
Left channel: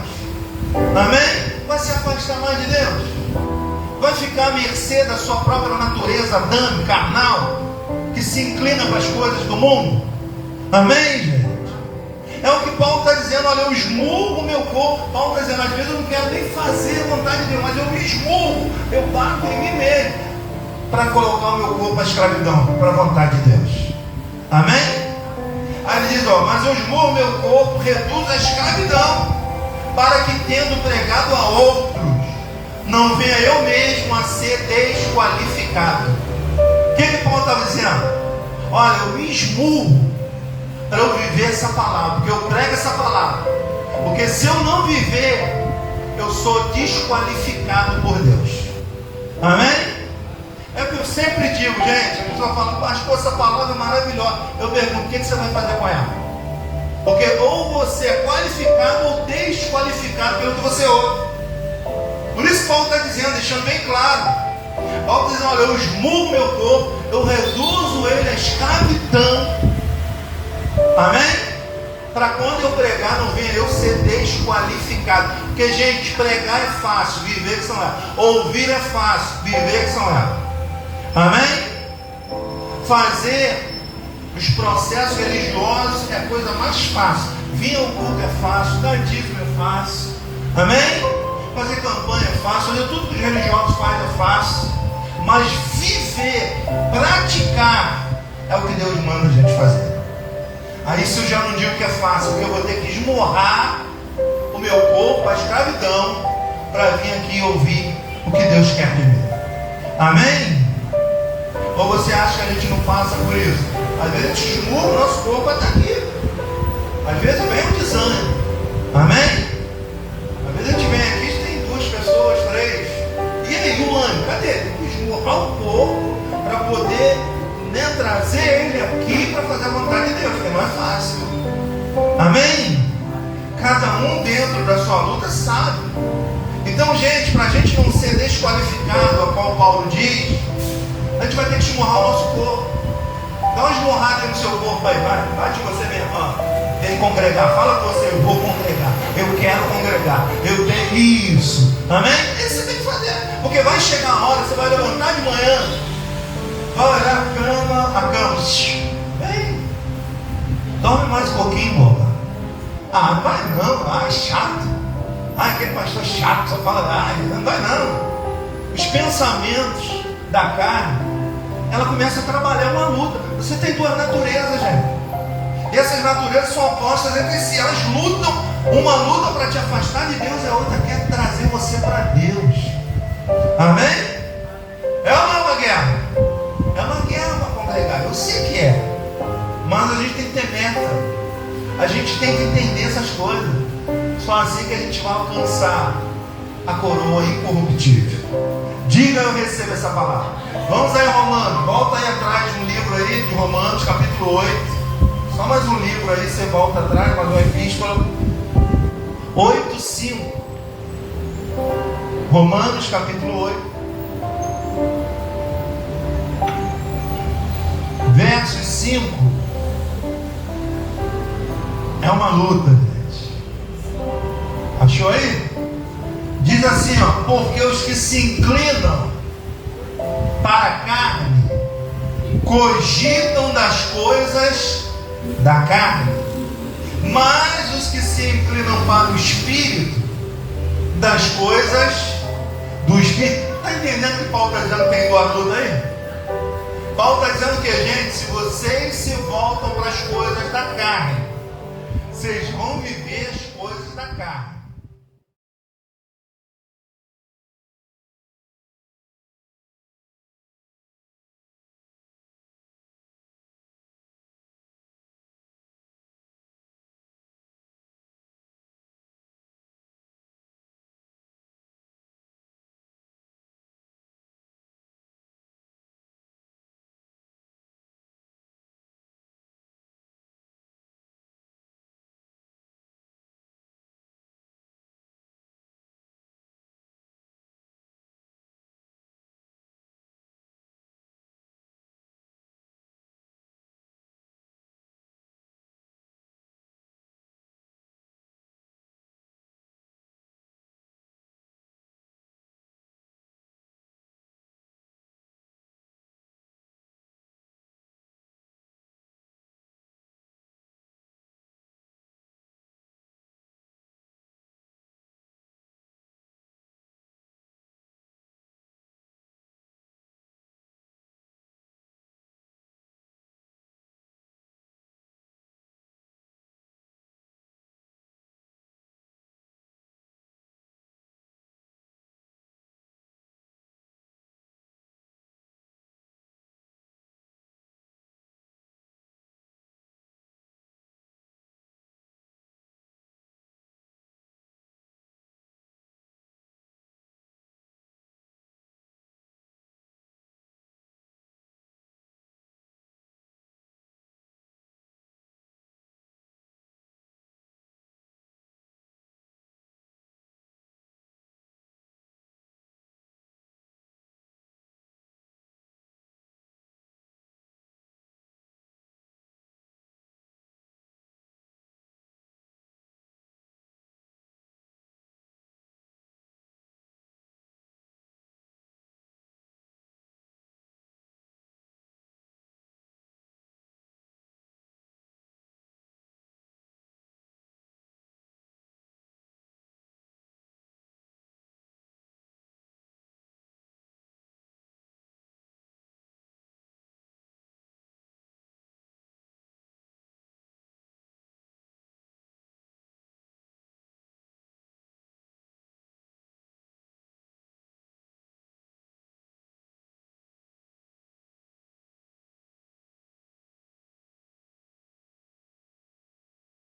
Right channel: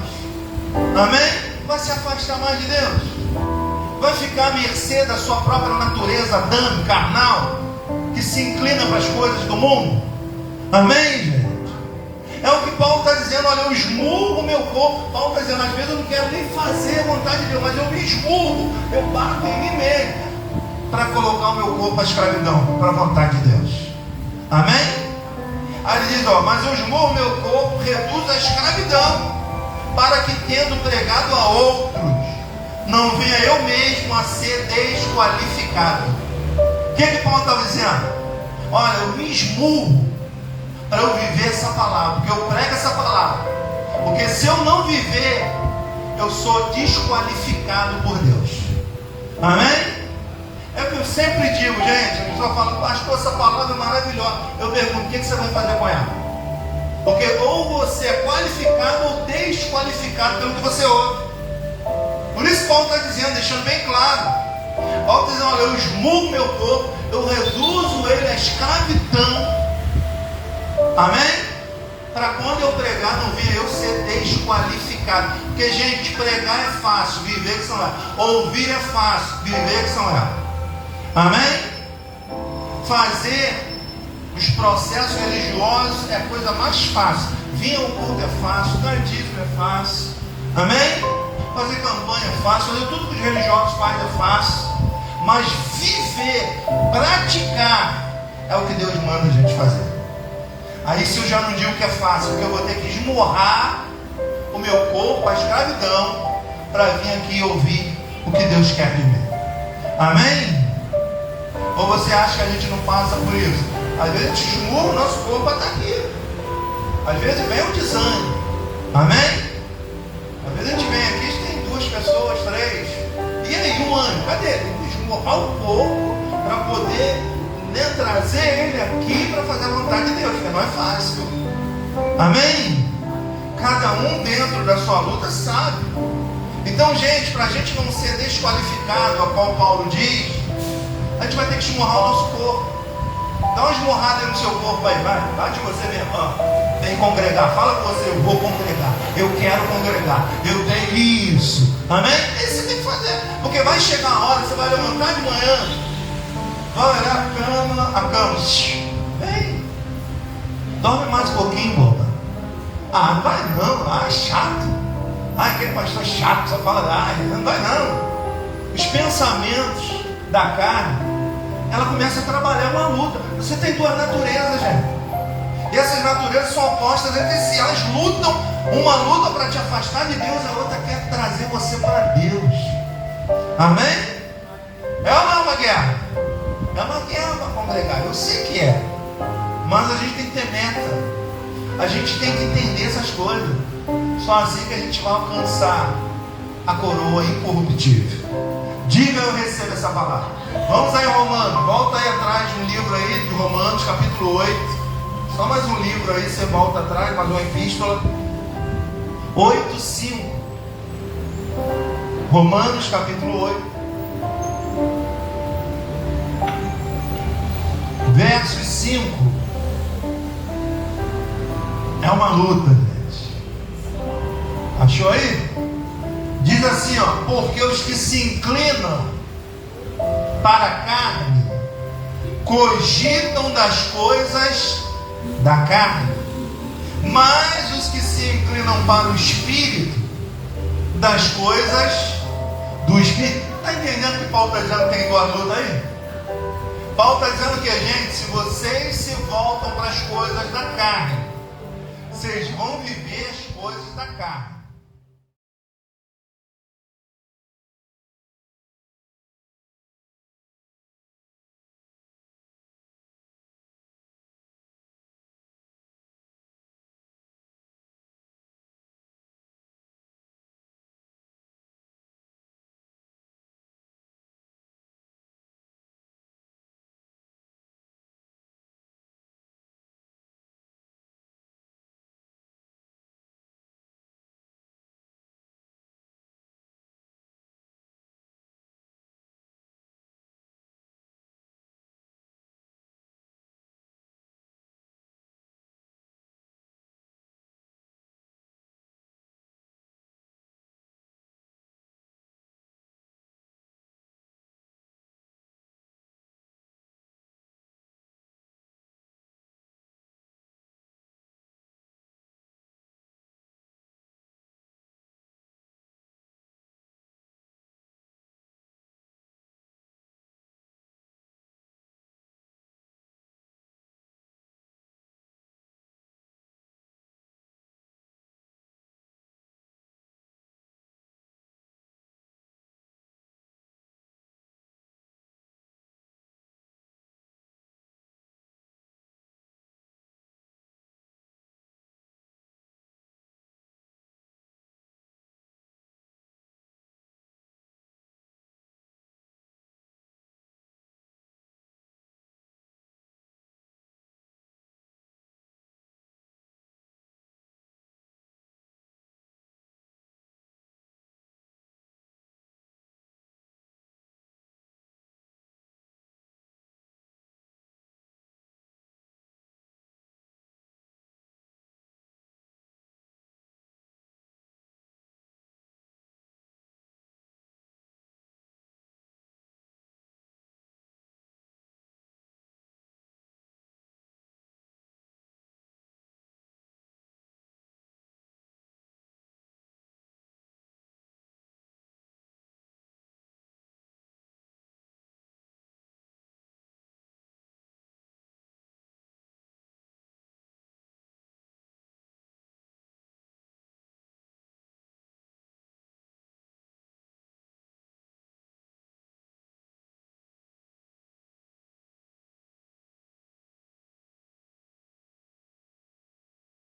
Amém? Vai se afastar mais de Deus, vai ficar à mercê da sua própria natureza adâmica, carnal, que se inclina para as coisas do mundo. Amém, gente? É o que Paulo está dizendo, olha, eu esmurro o meu corpo. Paulo está dizendo, às vezes eu não quero nem fazer a vontade de Deus, mas eu me esmurro, eu bato em mim mesmo, para colocar o meu corpo à escravidão, para a vontade de Deus. Amém? Aí ele diz, mas eu esmurro o meu corpo, reduzo a escravidão, para que tendo pregado a outros, não venha eu mesmo a ser desqualificado. O que Paulo estava dizendo? Olha, eu me esmurro para eu viver essa palavra, porque eu prego essa palavra, porque se eu não viver, eu sou desqualificado por Deus. Amém? É o que eu sempre digo, gente. A pessoa fala, pastor, essa palavra é maravilhosa. Eu pergunto, o que você vai fazer com ela? Porque ou você é qualificado ou desqualificado pelo que você ouve. Por isso Paulo está dizendo, deixando bem claro, Paulo está dizendo, olha, eu esmurro meu corpo, eu reduzo ele à escravidão. Amém? Para quando eu pregar, não venha eu ser desqualificado. Porque, gente, pregar é fácil, viver que são elas. Ouvir é fácil, viver que são elas. Amém? Fazer os processos religiosos é a coisa mais fácil. Vir ao culto é fácil, dar dízimo é fácil. Amém? Fazer campanha é fácil, fazer tudo que os religiosos fazem é fácil. Mas viver, praticar, é o que Deus manda a gente fazer. Aí se eu já não digo que é fácil, porque eu vou ter que esmurrar o meu corpo, a escravidão, para vir aqui e ouvir o que Deus quer de mim. Amém? Ou você acha que a gente não passa por isso? Às vezes a gente esmurra o nosso corpo para estar aqui. Às vezes vem o desânimo. Amém? Às vezes a gente vem aqui, tem 2 pessoas, 3. E aí o ânimo? Cadê? Tem que esmurrar o corpo para poder trazer ele aqui para fazer a vontade de Deus, porque não é fácil. Amém? Cada um dentro da sua luta sabe. Então, gente, para a gente não ser desqualificado, ao qual Paulo diz, a gente vai ter que esmurrar o nosso corpo. Dá uma esmurrada no seu corpo aí, vai de você, minha irmã. Vem congregar, fala para você, eu vou congregar, eu quero congregar, eu tenho isso. Amém? É isso que você tem que fazer, porque vai chegar a hora que você vai levantar de manhã, vai olhar a cama, vem, dorme mais um pouquinho, boca. Não vai não, chato. Aquele pastor chato, só fala, não vai não. Os pensamentos da carne, ela começa a trabalhar uma luta. Você tem 2 naturezas, gente. E essas naturezas são opostas entre si. Elas lutam, uma luta para te afastar de Deus, a outra quer trazer você para Deus. Amém? É ou não é uma guerra? É uma guerra para congregar, eu sei que é. Mas a gente tem que ter meta. A gente tem que entender essas coisas. Só assim que a gente vai alcançar a coroa incorruptível. Diga, eu recebo essa palavra. Vamos aí, Romanos. Volta aí atrás de um livro aí, de Romanos, capítulo 8. Só mais um livro aí, você volta atrás, mais uma epístola. 8:5. Romanos capítulo 8, versos 5. É uma luta, gente. Achou aí? Diz assim, ó: porque os que se inclinam para a carne cogitam das coisas da carne, mas os que se inclinam para o Espírito, das coisas do Espírito. Está entendendo que Paulo está dizendo que tem igual a luta aí? Paulo está dizendo que, gente, se vocês se voltam para as coisas da carne, vocês vão viver as coisas da carne.